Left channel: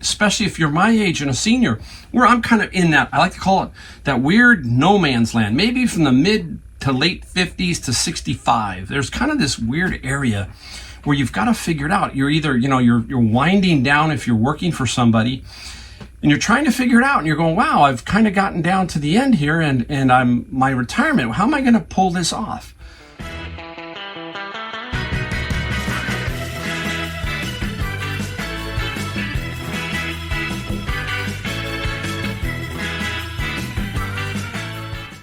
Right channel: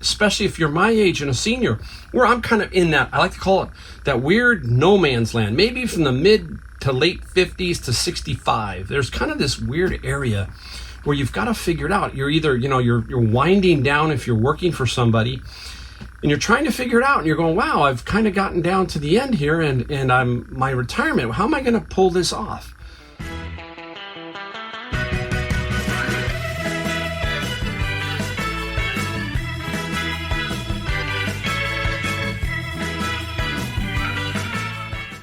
especially if you're my age and a senior, where I'm kind of in that, I like to call it that weird no man's land, maybe from the mid to late 50s to 65. There's kind of this weird area where you've got to figure it out. You're either, you're winding down if you're working for somebody, and you're trying to figure it out, and you're going, wow, I've kind of gotten down to the end here, and I'm my retirement. How am I going to pull this off?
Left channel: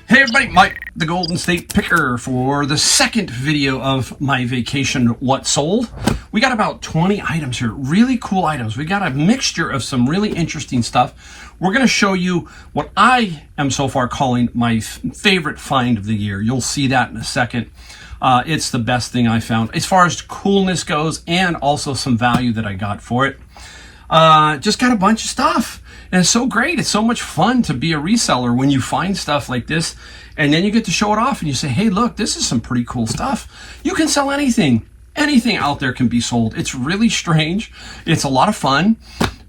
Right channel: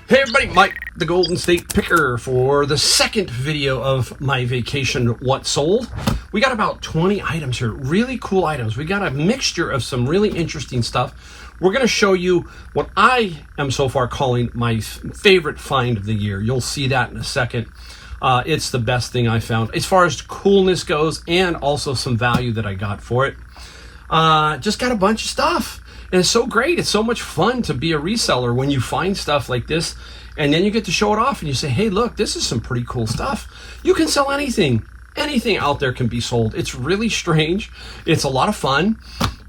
Hey everybody, Mike, the Golden State Picker, for the second video of my vacation What Sold. We got about 20 items here, really cool items. We got a mixture of some really interesting stuff. We're going to show you what I am so far calling my favorite find of the year. You'll see that in a second. It's the best thing I found as far as coolness goes, and also some value that I got for it. Just got a bunch of stuff. And it's so great. It's so much fun to be a reseller when you find stuff like this, and then you get to show it off and you say, hey, look, this is some pretty cool stuff. You can sell anything. Anything out there can be sold. It's really strange. It's a lot of fun.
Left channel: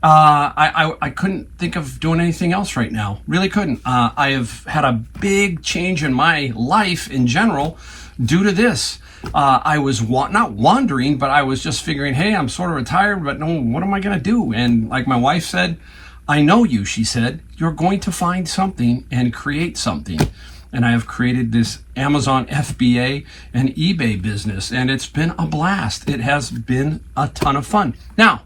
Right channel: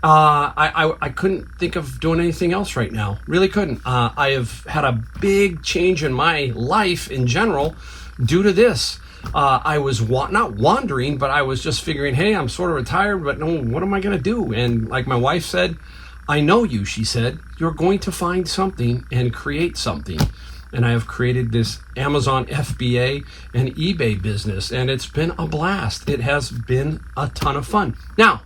I couldn't think of doing anything else right now. Really couldn't. I have had a big change in my life in general due to this. I was not wandering, but I was just figuring, hey, I'm sort of retired, but no, what am I going to do? And like my wife said, I know you, she said, you're going to find something and create something. And I have created this Amazon FBA and eBay business, and it's been a blast. It has been a ton of fun. Now,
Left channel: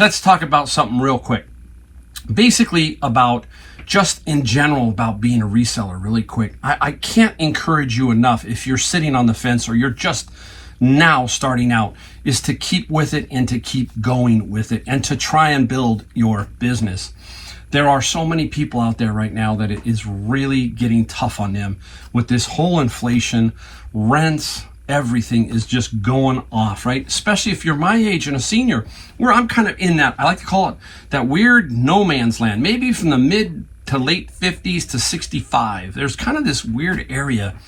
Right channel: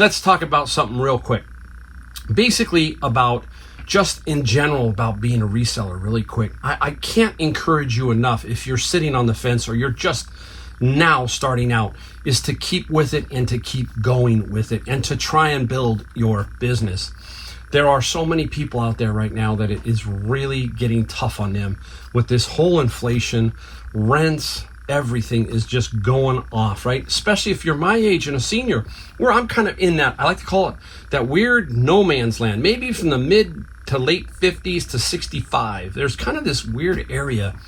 let's talk about something real quick. Basically about just in general about being a reseller really quick. I can't encourage you enough, if you're sitting on the fence or you're just now starting out, is to keep with it and to keep going with it and to try and build your business. There are so many people out there right now that it is really getting tough on them with this whole inflation, rents, everything is just going off, right? Especially if you're my age and a senior, where I'm kind of in that, I like to call it that weird no man's land, maybe from the mid to late 50s to 65. There's kind of this weird area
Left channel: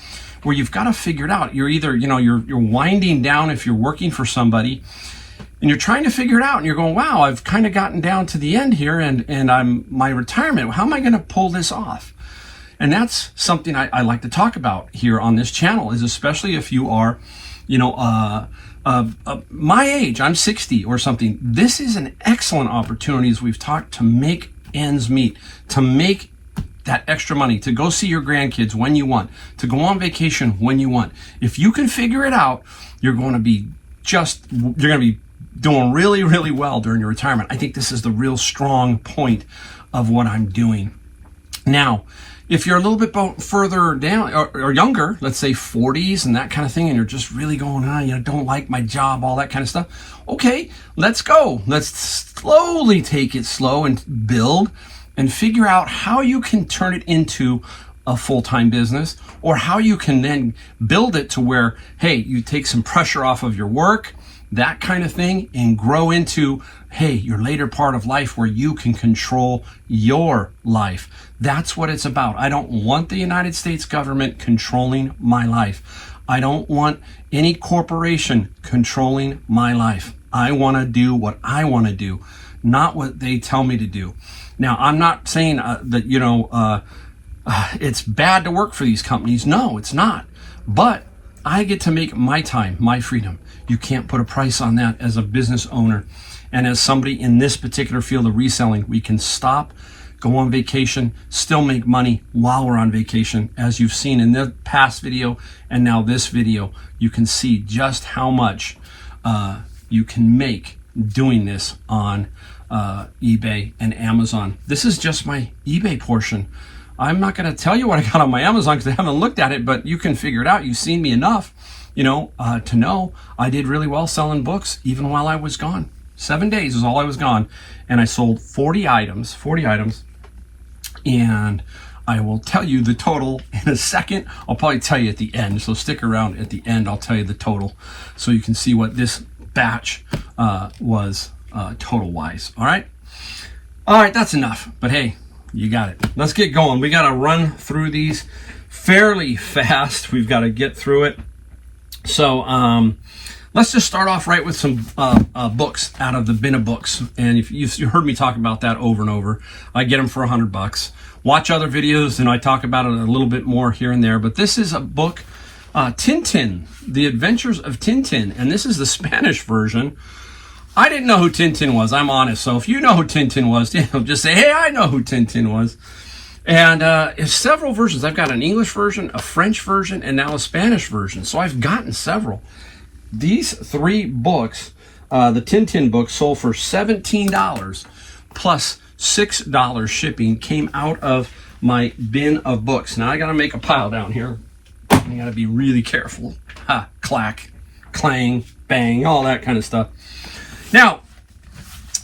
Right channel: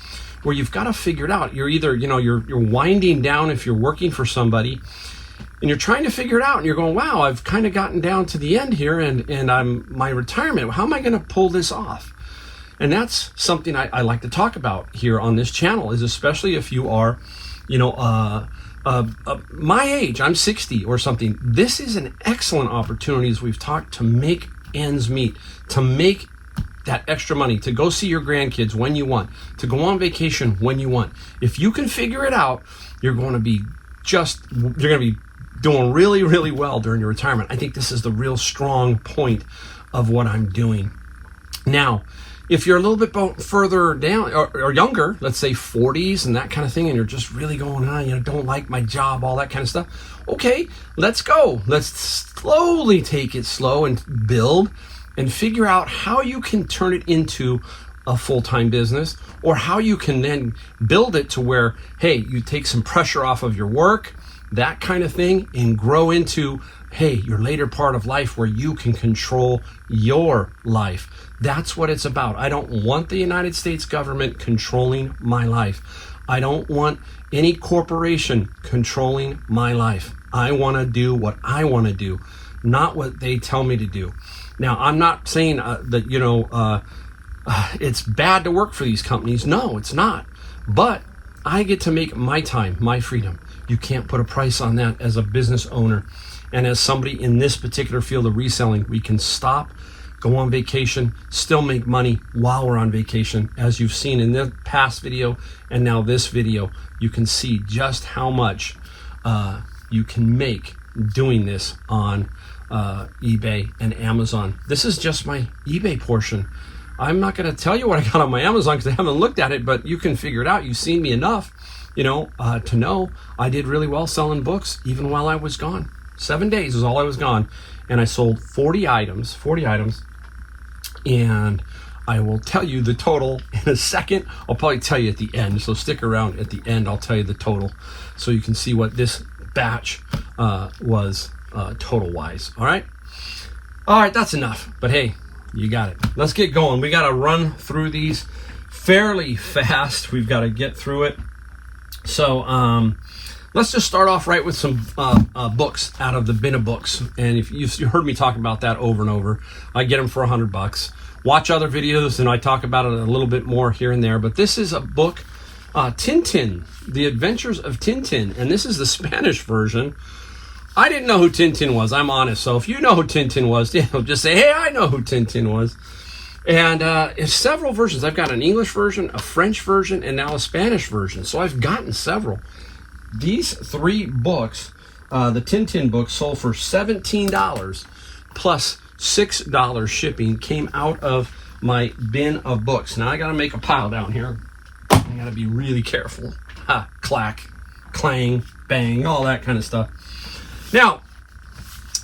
where you've got to figure it out. You're either, you're winding down if you're working for somebody, and you're trying to figure it out, and you're going, wow, I've kind of gotten down to the end here, and I'm my retirement. How am I going to pull this off? And that's something I like to talk about here on this channel, is especially if you are, my age, I'm 60 or something. This is an excellent opportunity, as we've talked, to make ends meet, to make that extra money, to go see your grandkids when you want, to go on vacation when you want. If you can figure it out, you're going to be doing really, really well during your retirement. I think this is the real strong point of what I'm doing. Now, if you're a little bit further down or younger, let's say 40s and that kind of thing, and you're just really going, don't like my job, all that kind of stuff. Okay, let's go. Let's slowly take it slow and build and figure out how you can turn it into a full-time business, or how you can then build it to where, hey, you take some pressure off of your work, that kind of thing, and grow into, hey, your later part of life where you can control your life. That's what it's about. I don't want the United States government controlling my life. I don't want any corporation controlling my life. I want to do what I want to do, not what they tell me to do. Now, I'm not saying that, it's bad to work for these companies. No, it's not. But I get to make my time, my freedom. You can't put a price on that as a business owner. And as somebody in this particular field of reselling, we can stop, go on vacation, still make money while we're on vacation. As you've seen in the past video and now this video, you can see just how much you can make doing this on eBay and Amazon. This is just my eBay portion. I'm not going to tell you what I got on my Amazon because I haven't looked at it, but you can figure it out. You've seen me enough, to know I did really well selling books even while I was gone. 7 days is all I was gone, and I sold 40 items, and I will tell you the total in a second. I'll probably tell you at the end, so stick around. At the end, I'll tell you the total so you can see what this batch was total wise. All right, that's enough, but hey, you got it. Let's get going. We got to run through these fairly fast. We've got to get through it. So let's just start off right with some books out of the bin of books. And if you heard me talk about that over and over, I get them for $100. Watch other videos and I talk about it a little bit more here and there. But this is a book, Tintin, The Adventures of Tintin. And this is the Spanish version. I didn't know who Tintin was, I'm honest. So if you know who Tintin was, just say, hey, I know who Tintin was. And it's several versions. I've got an English version, a French version, and now a Spanish version. So I've gotten several. These 3 books, the Tintin books, sold for $17 plus $6 shipping, came out of my bin of books. Now I got to make a pile down here. I got to be really careful. Ha, clack, clang, bang, all that kind of stuff. Now,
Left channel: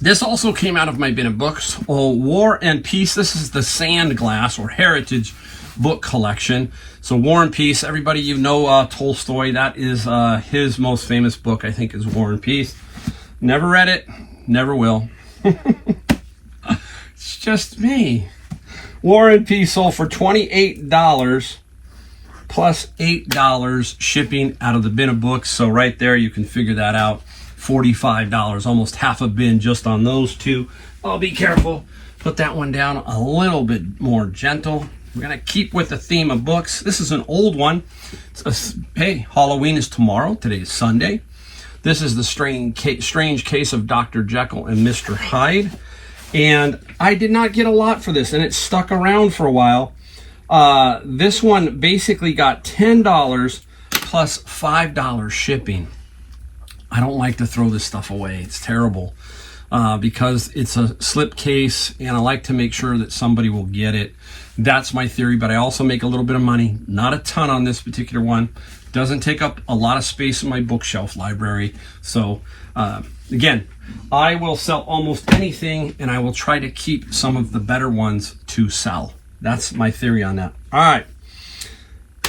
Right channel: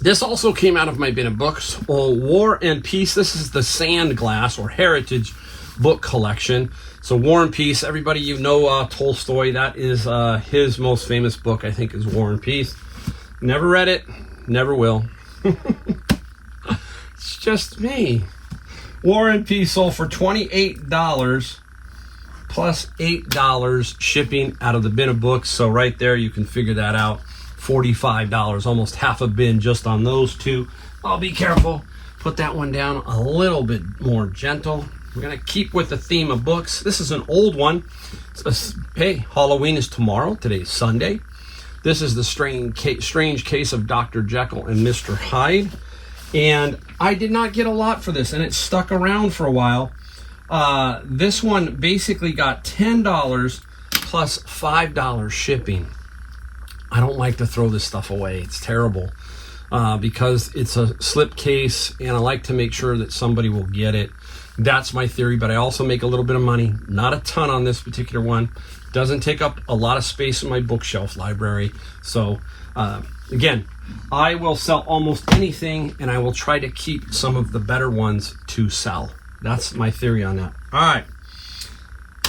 this also came out of my bin of books. Oh, War and Peace. This is the Sand Glass or Heritage book collection. So War and Peace, everybody, you know Tolstoy. That is his most famous book, I think, is War and Peace. Never read it, never will. It's just me. War and Peace sold for $28 plus $8 shipping out of the bin of books. So right there, you can figure that out. $45, almost half a bin just on those 2. Oh, be careful. Put that one down a little bit more gentle. We're going to keep with the theme of books. This is an old one. Hey, Halloween is tomorrow. Today's Sunday. This is the strange case of Dr. Jekyll and Mr. Hyde. And I did not get a lot for this, and it stuck around for a while. This one basically got $10 plus $5 shipping. I don't like to throw this stuff away. It's terrible because it's a slip case, and I like to make sure that somebody will get it. That's my theory, but I also make a little bit of money. Not a ton on this particular one. Doesn't take up a lot of space in my bookshelf library. So, again, I will sell almost anything, and I will try to keep some of the better ones to sell. That's my theory on that. All right.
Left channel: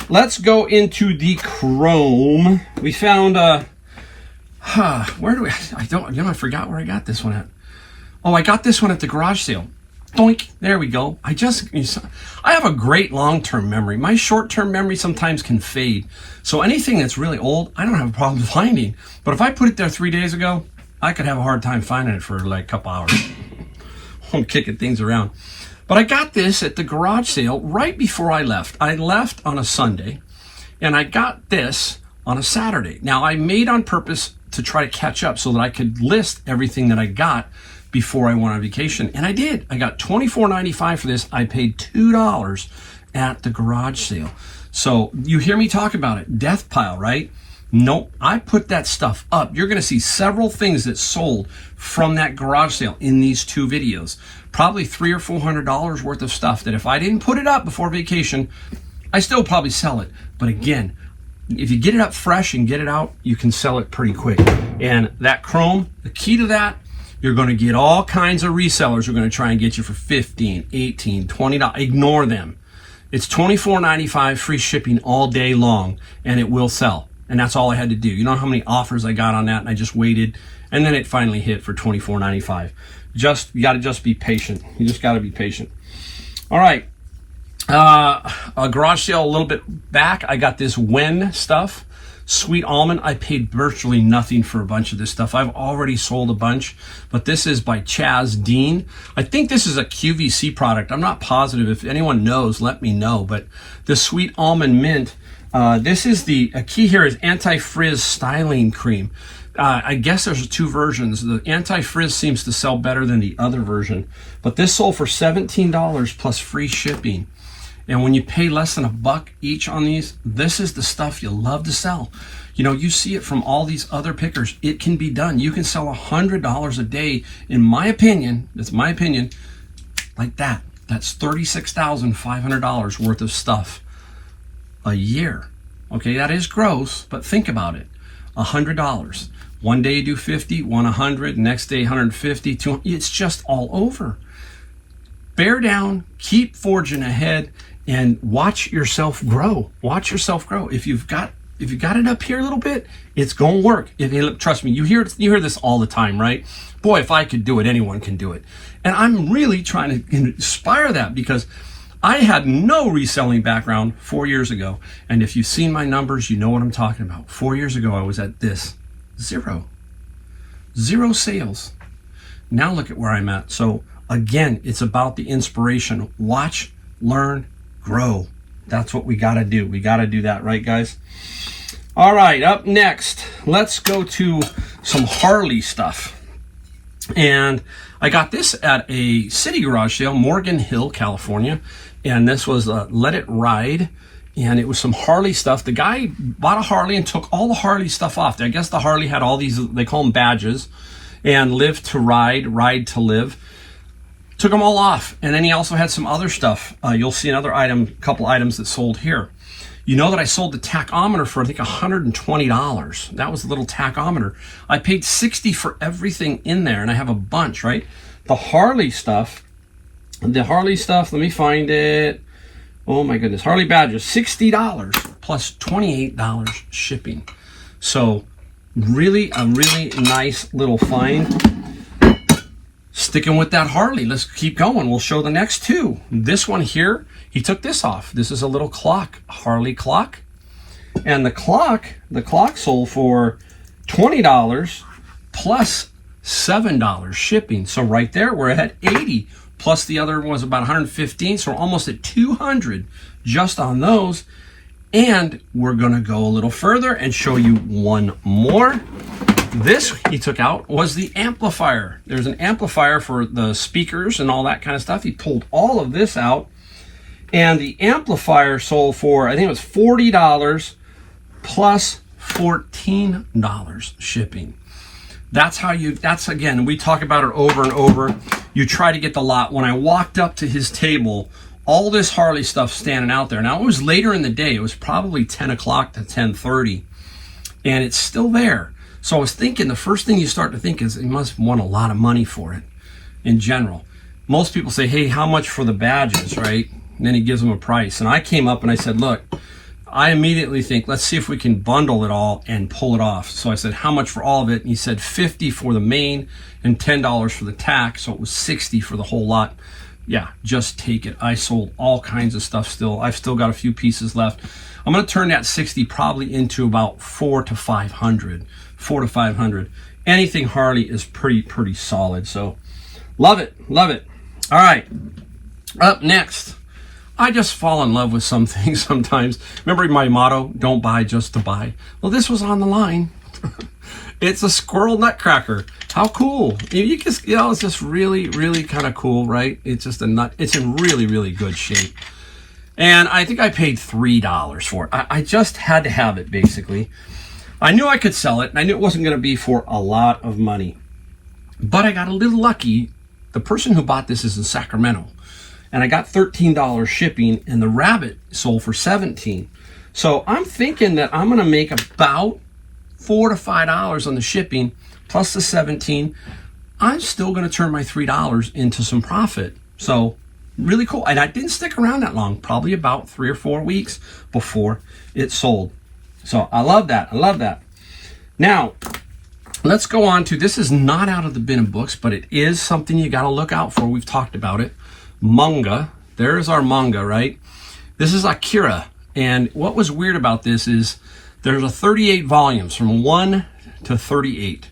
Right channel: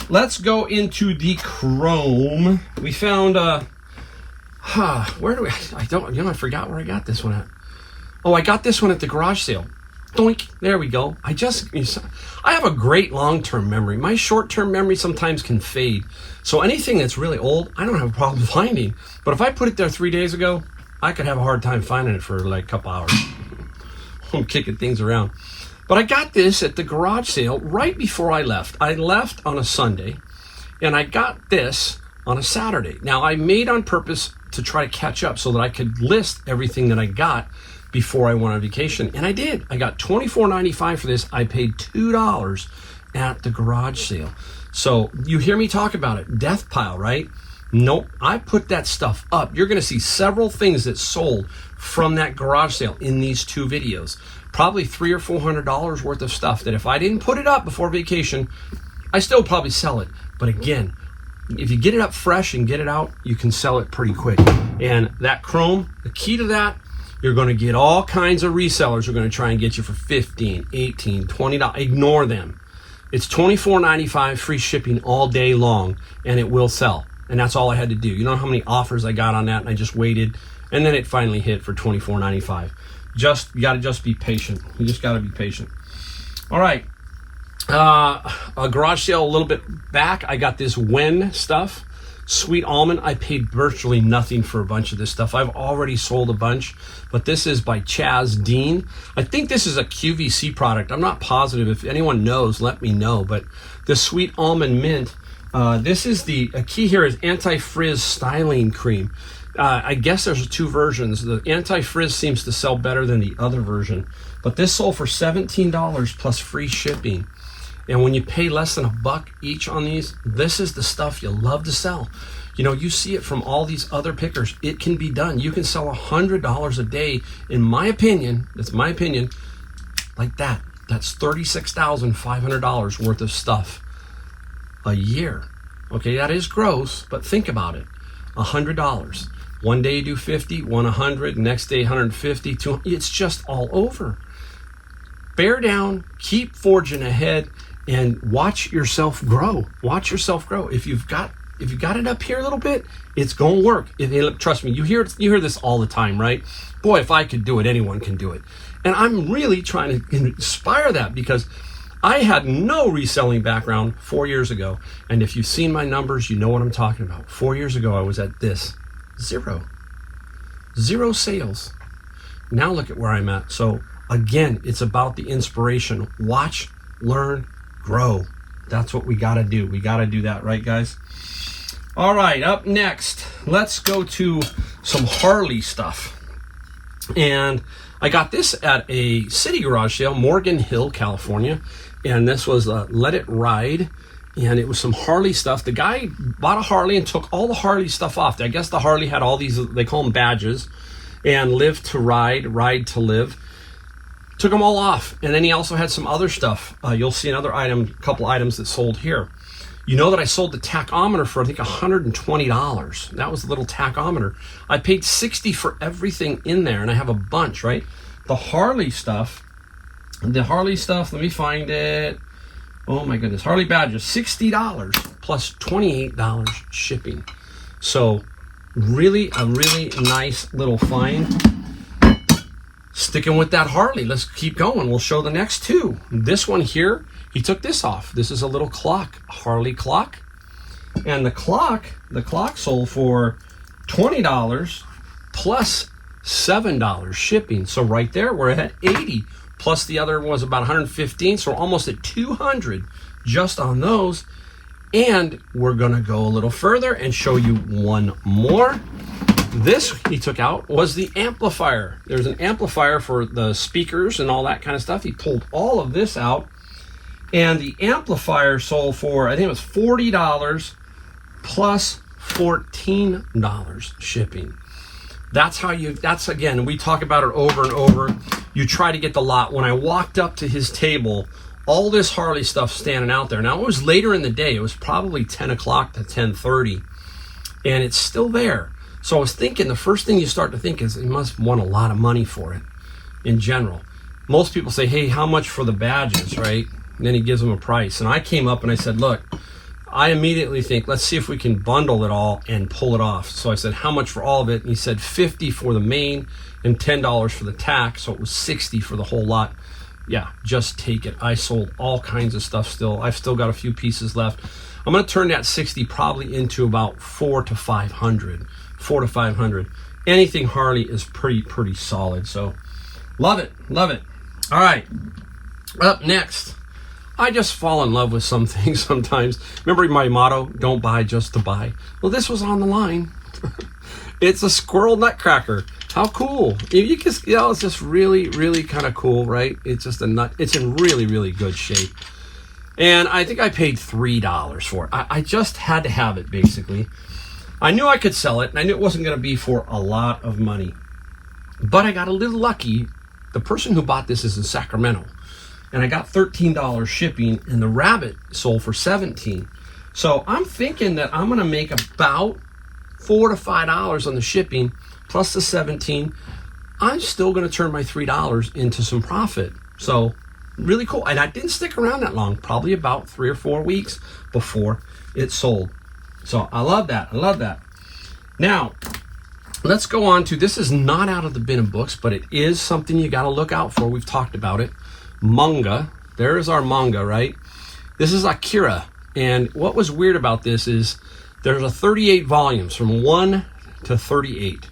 Let's go into the chrome. We found... where do we, I forgot where I got this one at. Oh, I got this one at the garage sale. Doink, there we go. I have a great long-term memory. My short-term memory sometimes can fade. So anything that's really old, I don't have a problem finding. But if I put it there 3 days ago, I could have a hard time finding it for like a couple hours. I'm kicking things around. But I got this at the garage sale right before I left. I left on a Sunday, and I got this on a Saturday. Now, I made on purpose to try to catch up so that I could list everything that I got before I went on vacation. And I did. I got $24.95 for this. I paid $2 at the garage sale. So you hear me talk about it. Death pile, right? Nope. I put that stuff up. You're going to see several things that sold from that garage sale in these 2 videos. Probably $300 or $400 worth of stuff that if I didn't put it up before vacation, I still probably sell it. But again, if you get it up fresh and get it out, you can sell it pretty quick. And that chrome, the key to that, you're going to get all kinds of resellers who are going to try and get you for $15, $18, $20. Ignore them. It's $24.95 free shipping all day long, and it will sell. And that's all I had to do. You know how many offers I got on that, and I just waited, and then it finally hit for $24.95. You got to just be patient. You just got to be patient. All right. A garage sale a little bit back. I got this Wen stuff. Sweet almond. I paid virtually nothing for a bunch of this stuff. I've already sold a bunch, but this is by Chaz Dean. I think this is a QVC product. I'm not positive. If anyone knows, let me know. But the Sweet Almond Mint, this is the key here is anti-frizz styling cream. I guess there's 2 versions. The anti-frizz seems to sell better than the other version, but this sold for $17 plus free shipping. And when you pay less than $1 each on these, this is the stuff you love to sell. You know, you see it from all these other pickers. It can be done. You can sell $100 a day, in my opinion, that's my opinion, like that. That's $36,500 worth of stuff a year. Okay, that is gross, but think about it. $100. One day you do 50, one 100, next day 150, 200. It's just all over. Bear down, keep forging ahead, and watch yourself grow. Watch yourself grow. If you've got it up here a little bit, it's gonna work. Trust me, you hear this all the time, right? Boy, if I could do it, anyone can do it. And I'm really trying to inspire that because I had no reselling background 4 years ago. And if you've seen my numbers, you know what I'm talking about. 4 years ago, I was at this. Zero sales. Now look at where I'm at. So again, it's about the inspiration. Watch, learn, grow. That's what we got to do. We got to do that, right, guys? All right, up next, let's go to some Harley stuff. And I got this at a city garage sale, Morgan Hill, California. And this was Let It Ride. And it was some Harley stuff. The guy bought a Harley and took all the Harley stuff off. I guess the Harley had all these, they call them badges. And Live to Ride, Ride to Live. Took them all off. And then he also had some other stuff. You'll see another item, a couple items that sold here. You know that I sold the tachometer for, I think, $120. That was a little tachometer. I paid $60 for everything in there, and I have a bunch, right? The Harley stuff, let me find it. Oh my goodness, Harley badges, $60 plus $28 shipping. So really, a really nice little find. Sticking with that Harley, let's keep going. We'll show the next two. This one here, he took this off. This is a little clock, Harley clock. And the clock sold for $20 plus $7 shipping. So right there, we're at $80. Plus the other was about $115, so we're almost at $200 just on those. And we're gonna go a little further and show you one more. This he took out was the amplifier. There's an amplifier for the speakers and all that kind of stuff. He pulled all of this out, and the amplifier sold for, I think it was $40 plus $14 shipping. That's how you, that's again, we talk about it over and over. You try to get the lot. When I walked up to his table, all this Harley stuff standing out there. Now it was later in the day. It was probably 10 o'clock to 10:30, and it's still there. So I was thinking, the first thing you start to think is he must want a lot of money for it in general. Most people say, hey, how much for the badges, right? And then he gives them a price. And I came up and I said, look, I immediately think, let's see if we can bundle it all and pull it off. So I said, how much for all of it? And he said $50 for the main and $10 for the tack. So it was $60 for the whole lot. Yeah, just take it. I sold all kinds of stuff still. I've still got a few pieces left. I'm going to turn that 60 probably into about 400 to 500. 400 to 500. Anything Harley is pretty solid. So love it. All right, up next, I just fall in love with some things sometimes. Remember my motto, don't buy just to buy. Well, this was on the line. It's a squirrel nutcracker. How cool. You just, it's just really kind of cool, right? It's just a nut. It's in really good shape. And I think I paid $3 for it. I just had to have it, basically. I knew I could sell it, and I knew it wasn't going to be for a lot of money. But I got a little lucky. The person who bought this is in Sacramento. And I got $13 shipping, and the rabbit sold for $17. So I'm thinking that I'm going to make about $4 to $5 on the shipping, plus the $17. I'm still going to turn my $3 into some profit. So really cool. And I didn't stick around that long, probably about 3 or 4 weeks before it sold. So I love that. Now, let's go on to, this is not out of the bin of books, but it is something you got to look out for. We've talked about it. Manga. There's our manga, right? This is Akira. And what was weird about this is there's a 38 volumes from 1 to 38.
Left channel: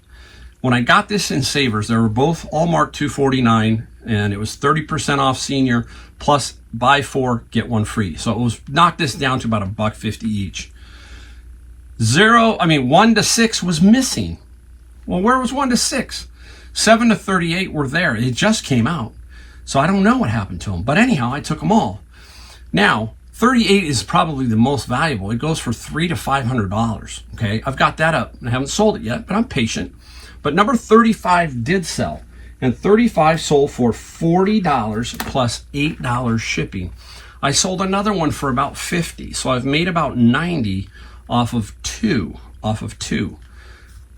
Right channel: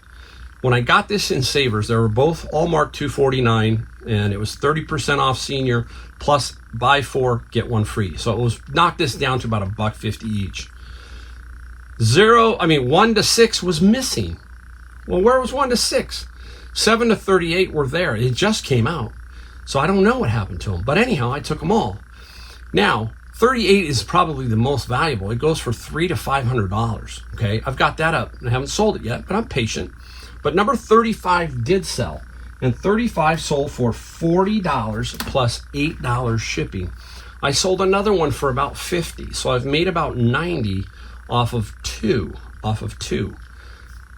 When I got this in Savers, they were both all marked $249, and it was 30% off senior plus buy 4 get 1 free. So it was knocked this down to about $1.50 each. 1 to 6 was missing. Well, where was 1 to 6? 7 to 38 were there. It just came out. So I don't know what happened to them. But anyhow, I took them all. Now, 38 is probably the most valuable. It goes for $300 to $500. Okay, I've got that up. I haven't sold it yet, but I'm patient. But number 35 did sell. And 35 sold for $40 plus $8 shipping. I sold another one for about $50. So I've made about $90 off of two.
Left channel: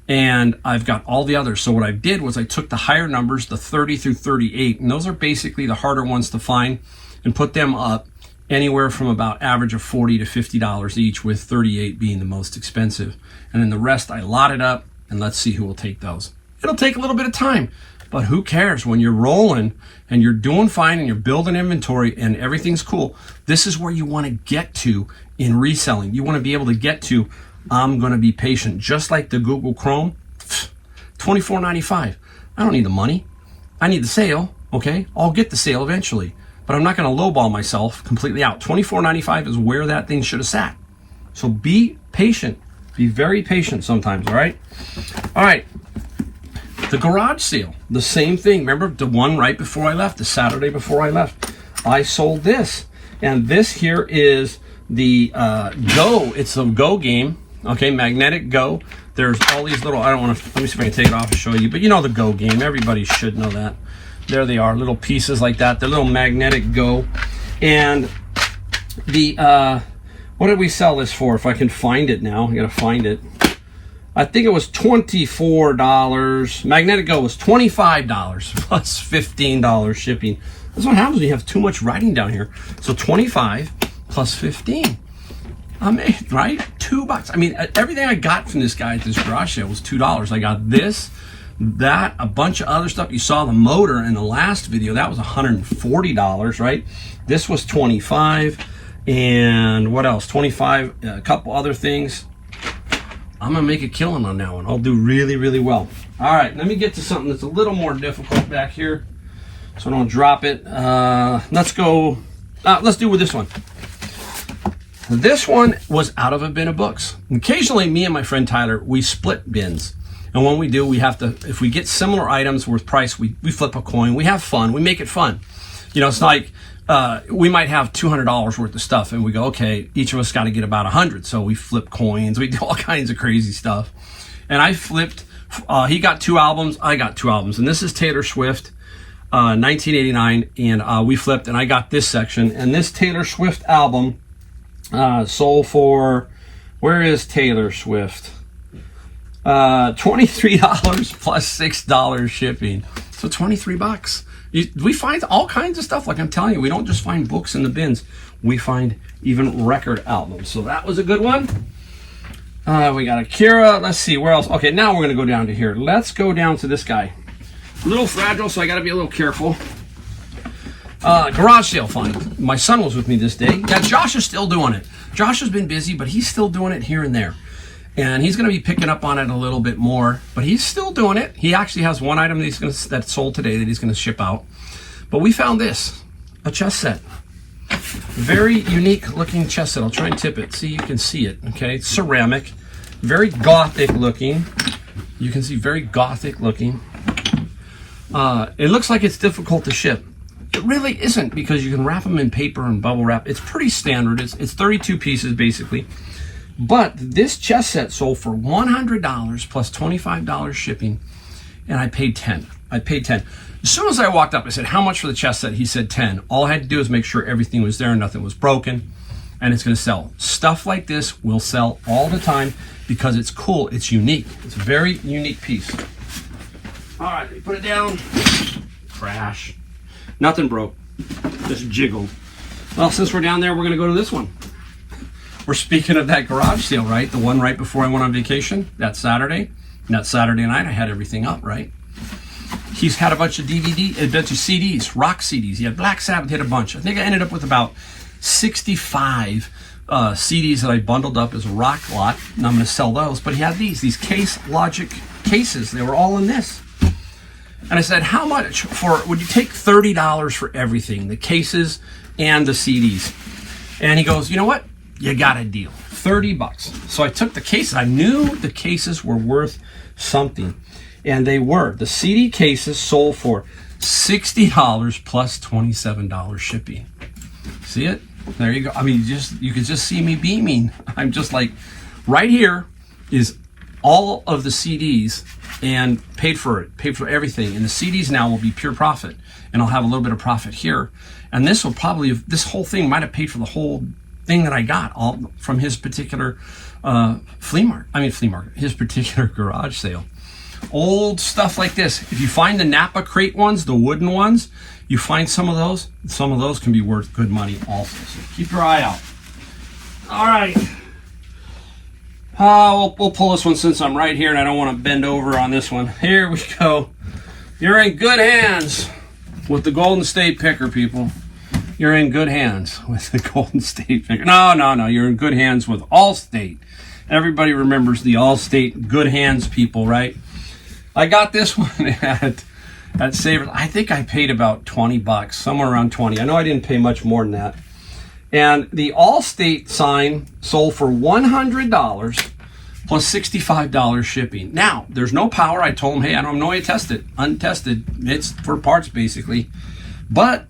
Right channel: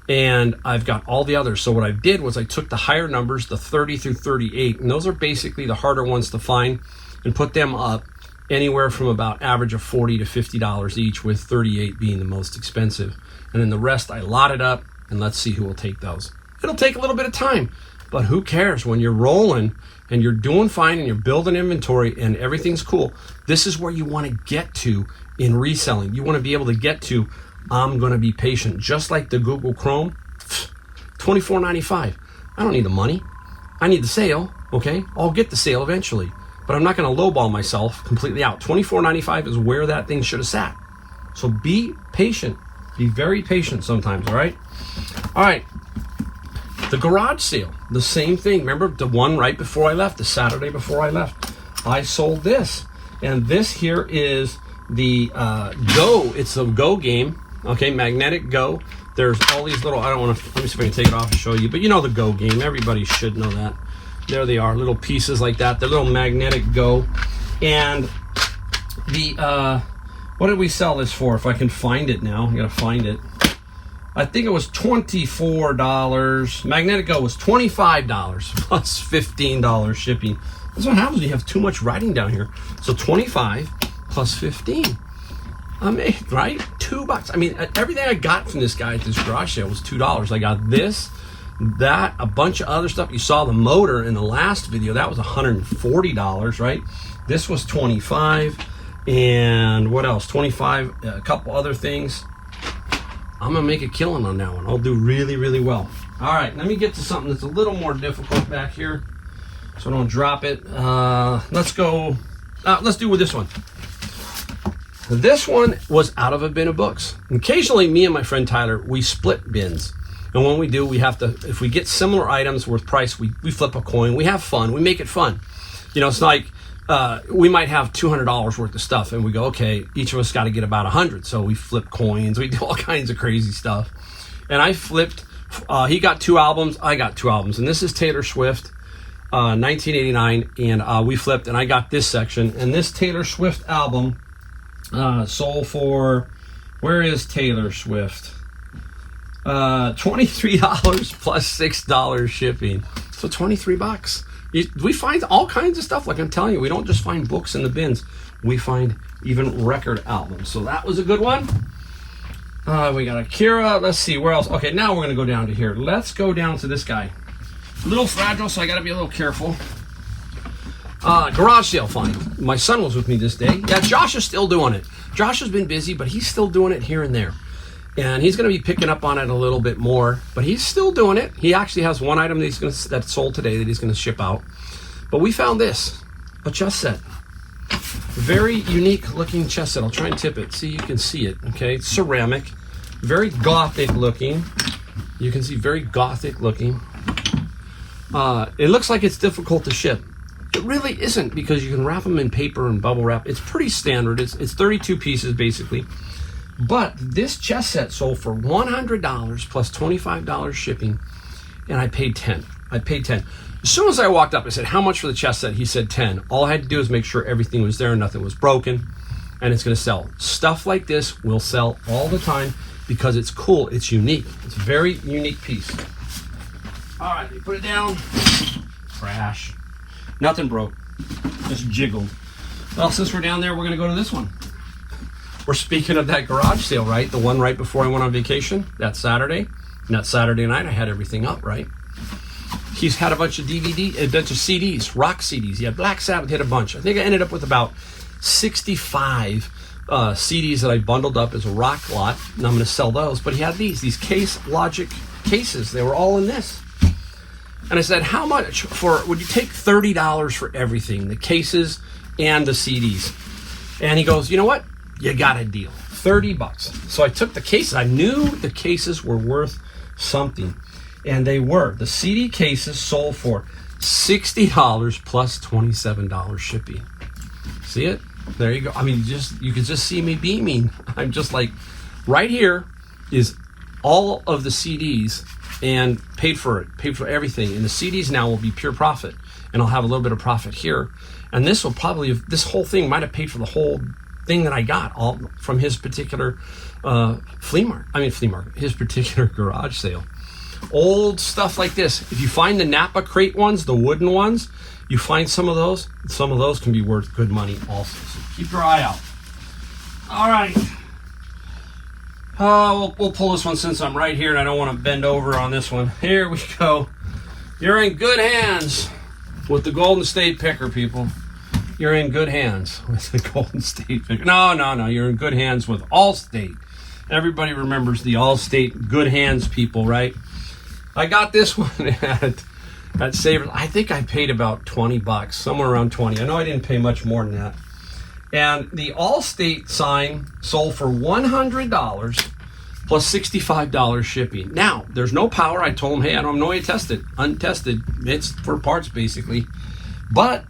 And I've got all the others. So what I did was I took the higher numbers, the 30 through 38, and those are basically the harder ones to find, and put them up anywhere from about average of $40 to $50 each, with 38 being the most expensive. And then the rest I lotted up, and let's see who will take those. It'll take a little bit of time, but who cares? When you're rolling and you're doing fine and you're building inventory and everything's cool, this is where you want to get to in reselling. You want to be able to get to, I'm going to be patient. Just like the Google Chrome, $24.95. I don't need the money. I need the sale, okay? I'll get the sale eventually, but I'm not going to lowball myself completely out. $24.95 is where that thing should have sat. So be patient. Be very patient sometimes, all right? All right. The garage sale, the same thing. Remember the one right before I left, the Saturday before I left? I sold this. And this here is the Go. It's a Go game, okay? Magnetic Go. There's all these little, I don't want to, let me see if I can take it off and show you, but you know the Go game. Everybody should know that. There they are, little pieces like that. The little magnetic Go. And the, what did we sell this for? If I can find it now, I gotta find it. I think it was $24. Magnetic Go was $25 plus $15 shipping. That's what happens when you have too much writing down here. So 25 plus 15. Right? $2. I mean, everything I got from this guy at this garage sale was $2. I got this, that, a bunch of other stuff. You saw the motor in the last video. That was $140, right? This was 25. And what else? 25, a couple other things. I'm gonna make a killing on that one. I'll do really, really well. All right, let me get to something that's a little more difficult back here, so I don't drop it. Let's go. Let's do with this one. This one was out of a bin of books. Occasionally, me and my friend Tyler, we split bins, and when we do, we have to. If we get similar items worth price, we flip a coin. We have fun. We make it fun. You know, it's like. We might have $200 worth of stuff, and we go, okay, each of us got to get about 100. So we flip coins, we do all kinds of crazy stuff. And I flipped, he got 2 albums, I got 2 albums. And this is Taylor Swift, 1989. And we flipped, and I got this section. And this Taylor Swift album sold for, where is Taylor Swift? $23 plus $6 shipping. So $23. We find all kinds of stuff. Like I'm telling you, we don't just find books in the bins. We find even record albums. So that was a good one. We got Akira. Let's see, where else? Okay, now we're going to go down to here. Let's go down to this guy. A little fragile, so I got to be a little careful. Garage sale find. My son was with me this day. Yeah, Josh is still doing it. Josh has been busy, but he's still doing it here and there. And he's going to be picking up on it a little bit more, but he's still doing it. He actually has one item that's sold today that he's going to ship out. But we found this, a chess set. Very unique looking chess set. I'll try and tip it. See, you can see it, okay? It's ceramic, very gothic looking. You can see very gothic looking. It looks like it's difficult to ship. It really isn't, because you can wrap them in paper and bubble wrap. It's pretty standard. It's 32 pieces basically. But this chess set sold for $100 plus $25 shipping, and I paid 10. I paid 10. As soon as I walked up, I said, how much for the chess set? He said 10. All I had to do is make sure everything was there and nothing was broken, and it's going to sell. Stuff like this will sell all the time because it's cool. It's unique. It's a very unique piece. All right, put it down. Crash. Nothing broke. Just jiggled. Well, since we're down there, we're going to go to this one. We're speaking of that garage sale, right? The one right before I went on vacation, that Saturday. And that Saturday night, I had everything up, right? He's had a bunch of CDs, rock CDs. He had Black Sabbath, hit a bunch. I think I ended up with about 65 CDs that I bundled up as a rock lot, and I'm going to sell those. But he had these Case Logic cases. They were all in this. And I said, how much would you take $30 for everything, the cases and the CDs? And he goes, you know what? You got a deal. $30. So I took the cases. I knew the cases were worth something, and they were. The CD cases sold for $60 plus $27 shipping. See it? There you go. I mean, you could just see me beaming. I'm just like, right here is all of the CDs, and paid for everything. And the CDs now will be pure profit, and I'll have a little bit of profit here. And this whole thing might have paid for the whole thing that I got all from his particular his particular garage sale. Old stuff like this. If you find the Napa crate ones, the wooden ones, you find some of those can be worth good money also. So keep your eye out. All right. We'll pull this one since I'm right here and I don't want to bend over on this one. Here we go. You're in good hands with the Golden State Picker, people. You're in good hands with the Golden State Picker. No. You're in good hands with Allstate. Everybody remembers the Allstate Good Hands people, right? I got this one at Savers. I think I paid about 20 bucks, somewhere around 20. I know I didn't pay much more than that. And the Allstate sign sold for $100 plus $65 shipping. Now, there's no power. I told them, hey, I don't know how you test it. Untested. It's for parts, basically. But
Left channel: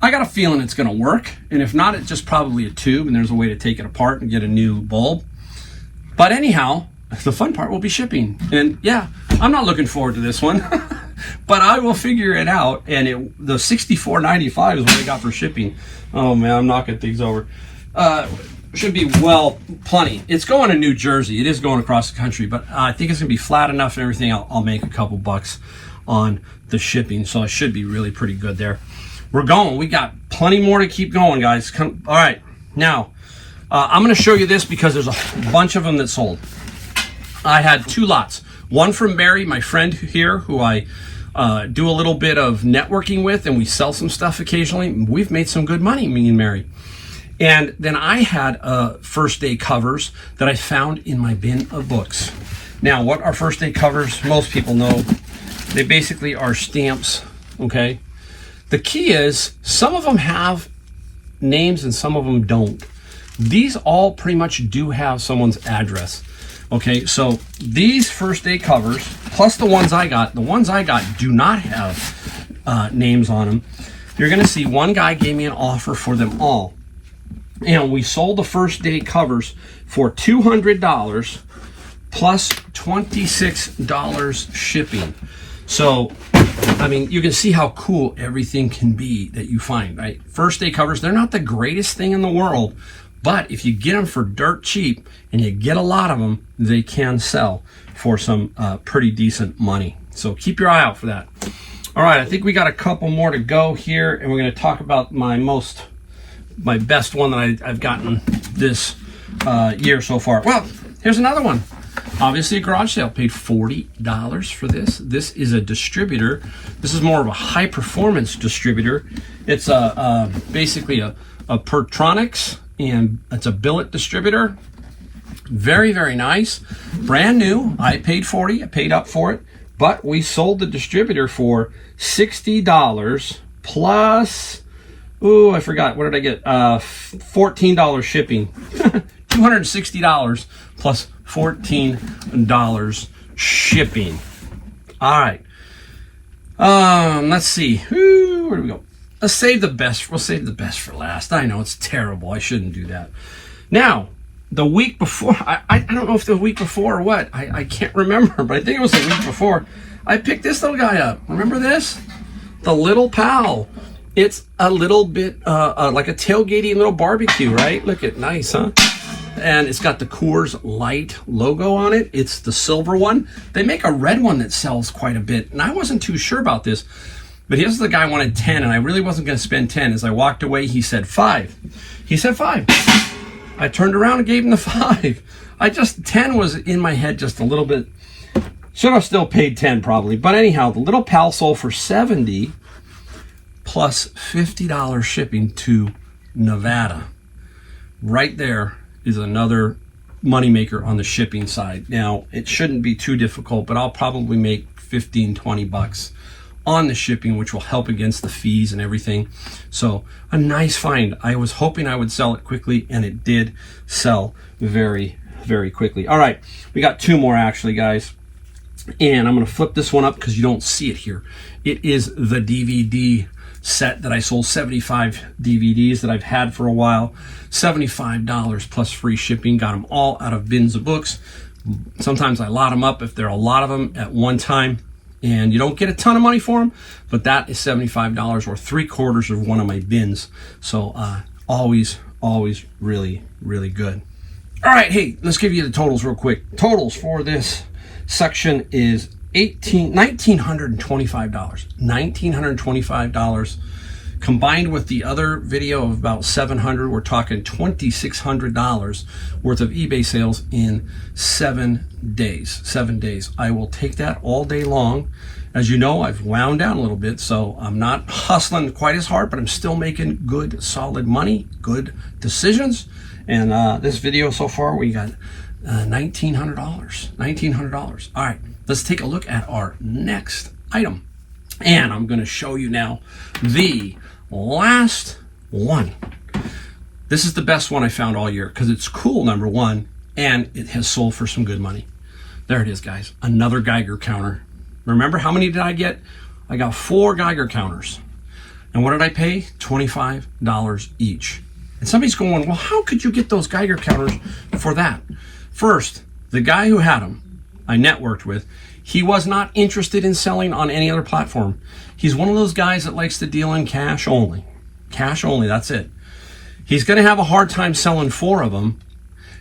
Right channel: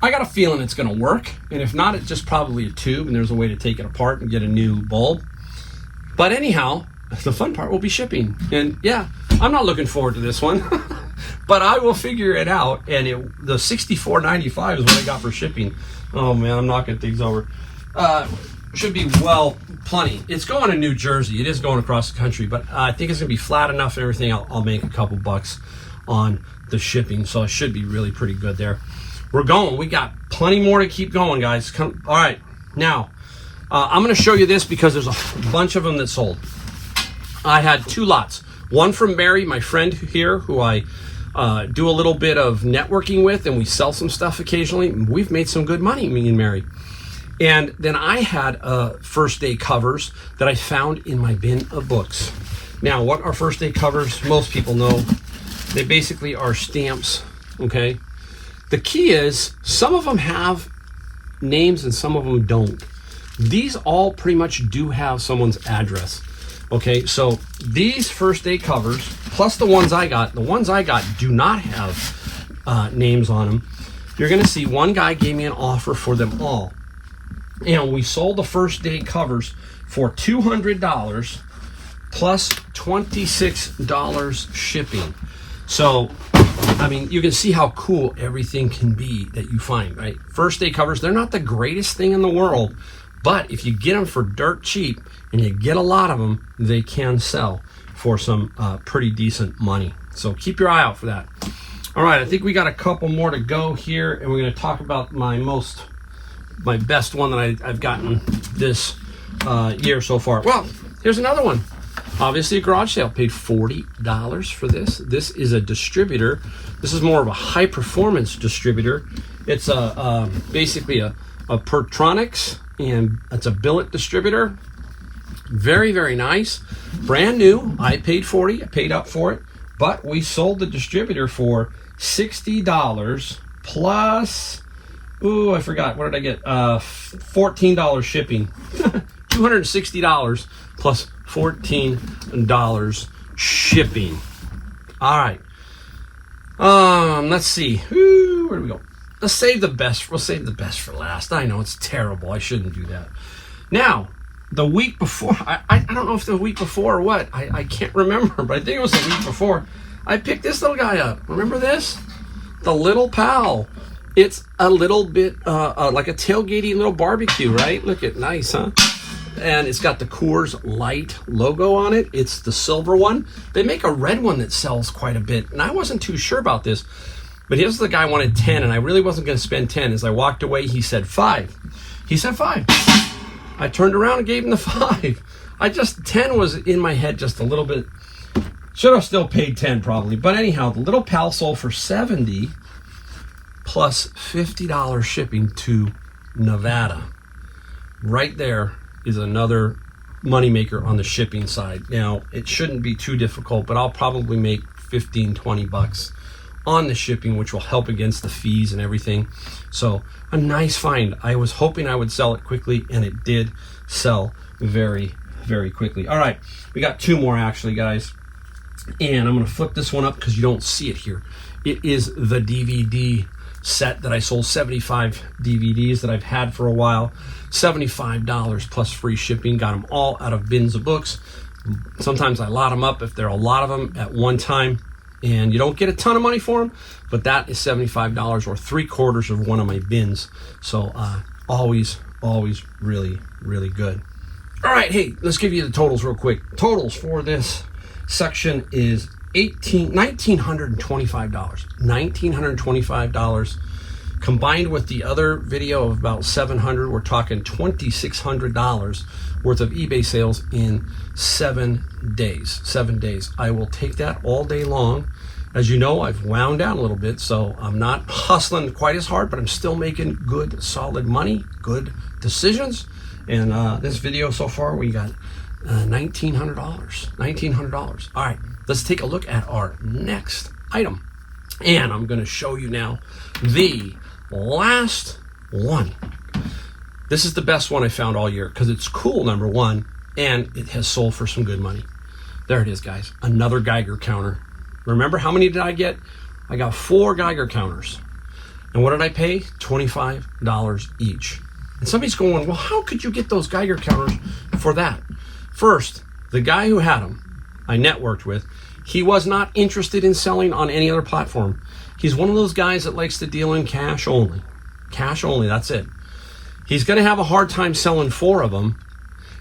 I got a feeling it's going to work. And if not, it's just probably a tube, and there's a way to take it apart and get a new bulb. But anyhow, the fun part will be shipping. And yeah, I'm not looking forward to this one. But I will figure it out. And the $64.95 is what I got for shipping. Oh, man, I'm knocking things over. Should be, well, plenty. It's going to New Jersey. It is going across the country, but I think it's going to be flat enough and everything. I'll make a couple bucks on the shipping, so I should be really pretty good there. We're going. We got plenty more to keep going, guys. All right. Now, I'm going to show you this because there's a bunch of them that sold. I had 2 lots. One from Mary, my friend here, who I do a little bit of networking with, and we sell some stuff occasionally. We've made some good money, me and Mary. And then I had first day covers that I found in my bin of books. Now, what are first day covers? Most people know. They basically are stamps, okay? The key is some of them have names and some of them don't. These all pretty much do have someone's address, okay? So these first day covers, plus the ones I got do not have names on them. You're gonna see one guy gave me an offer for them all. And we sold the first day covers for $200 plus $26 shipping. So, I mean, you can see how cool everything can be that you find, right? First day covers, they're not the greatest thing in the world, but if you get them for dirt cheap and you get a lot of them, they can sell for some pretty decent money. So keep your eye out for that. All right, I think we got a couple more to go here, and we're going to talk about my best one that I've gotten this year so far. Well, here's another one. Obviously a garage sale. Paid $40 for this. This is a distributor. This is more of a high performance distributor. It's basically a Pertronics, and it's a billet distributor. Very, very nice. Brand new. I paid $40. I paid up for it. But we sold the distributor for $60 plus... Ooh, I forgot. What did I get? $14 shipping. $260 plus $14 shipping. All right. Let's see. Ooh, where do we go? Let's save the best. We'll save the best for last. I know it's terrible. I shouldn't do that. Now, the week before, I don't know if the week before or what. I can't remember, but I think it was the week before. I picked this little guy up. Remember this? The Little Pal. It's a little bit like a tailgating little barbecue, right? Look at nice, huh? And it's got the Coors Light logo on it. It's the silver one. They make a red one that sells quite a bit, and I wasn't too sure about this. But here's the guy wanted 10, and I really wasn't going to spend 10. As I walked away, he said 5. He said 5. I turned around and gave him the 5. 10 was in my head just a little bit. Should have still paid 10 probably. But anyhow, the Little Pal sold for 70 plus $50 shipping to Nevada. Right there is another moneymaker on the shipping side. Now, it shouldn't be too difficult, but I'll probably make 15, 20 bucks on the shipping, which will help against the fees and everything. So a nice find. I was hoping I would sell it quickly, and it did sell very, very quickly. All right, we got 2 more actually, guys. And I'm gonna flip this one up because you don't see it here. It is the DVD set that I sold, 75 DVDs that I've had for a while. $75 plus free shipping. Got them all out of bins of books. Sometimes I lot them up if there are a lot of them at one time, and you don't get a ton of money for them, but that is $75 or 3/4 of one of my bins. So always really, really good. All right, hey, let's give you the totals real quick. Totals for this section is $1,925. $1,925 combined with the other video of about $700. We're talking $2,600 worth of eBay sales in 7 days. 7 days. I will take that all day long. As you know, I've wound down a little bit, so I'm not hustling quite as hard, but I'm still making good, solid money, good decisions. And this video so far, we got $1,900. $1,900. All right, let's take a look at our next item. And I'm going to show you now the last one. This is the best one I found all year because it's cool, number one, and it has sold for some good money. There it is, guys. Another Geiger counter. Remember how many did I get? I got 4 Geiger counters. And what did I pay? $25 each. And somebody's going, well, how could you get those Geiger counters for that? First, the guy who had them, I networked with, he was not interested in selling on any other platform. He's one of those guys that likes to deal in cash only. Cash only, that's it. He's going to have a hard time selling 4 of them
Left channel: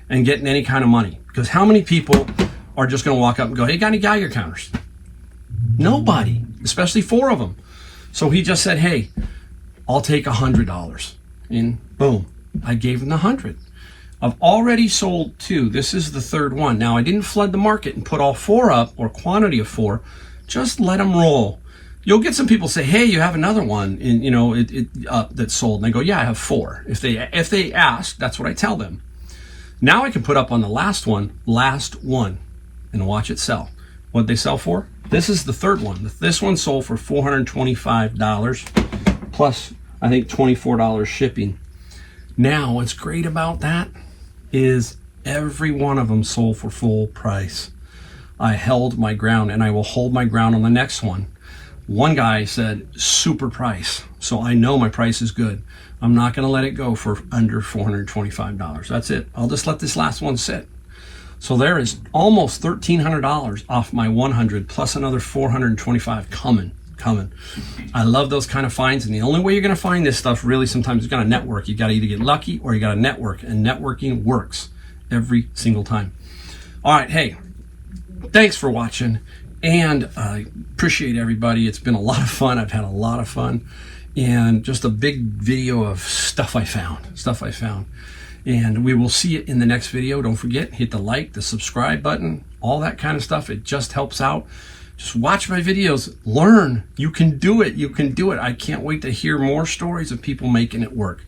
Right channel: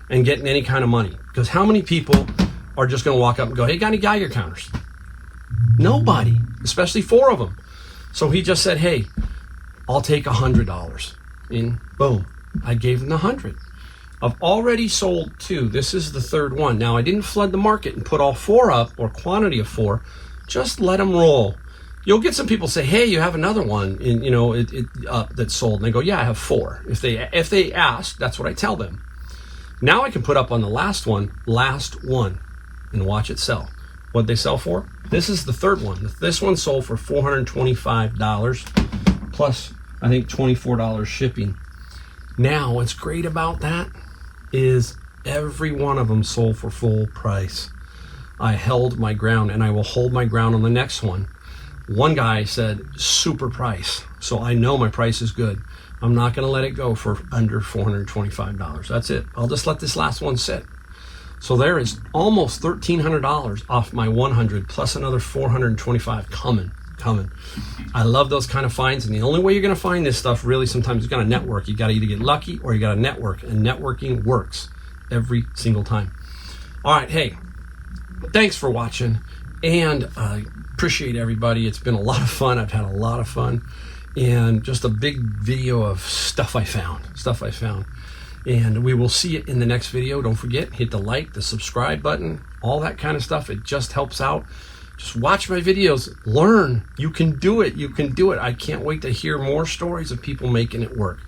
and getting any kind of money. Because how many people are just going to walk up and go, hey, got any Geiger counters? Nobody, especially 4 of them. So he just said, hey, I'll take $100. And boom, I gave him the 100. I've already sold 2. This is the 3rd one. Now, I didn't flood the market and put all 4 up, or quantity of 4. Just let them roll. You'll get some people say, hey, you have another one, and, you know, that's sold. And I go, yeah, I have 4. If they ask, that's what I tell them. Now I can put up on the last one, and watch it sell. What'd they sell for? This is the 3rd one. This one sold for $425 plus, I think, $24 shipping. Now, what's great about that is every one of them sold for full price. I held my ground, and I will hold my ground on the next one. One guy said, super price. So I know my price is good. I'm not going to let it go for under $425. That's it. I'll just let this last one sit. So there is almost $1,300 off my 100 plus another $425 coming. I love those kind of finds, and the only way you're going to find this stuff really sometimes is going to network. You got to either get lucky or you got to network, and networking works every single time. All right, hey, thanks for watching, and I appreciate everybody. It's been a lot of fun. I've had a lot of fun, and just a big video of stuff I found. And we will see it in the next video. Don't forget, hit the like, the subscribe button, all that kind of stuff. It just helps out. Just watch my videos, learn. You can do it. I can't wait to hear more stories of people making it work.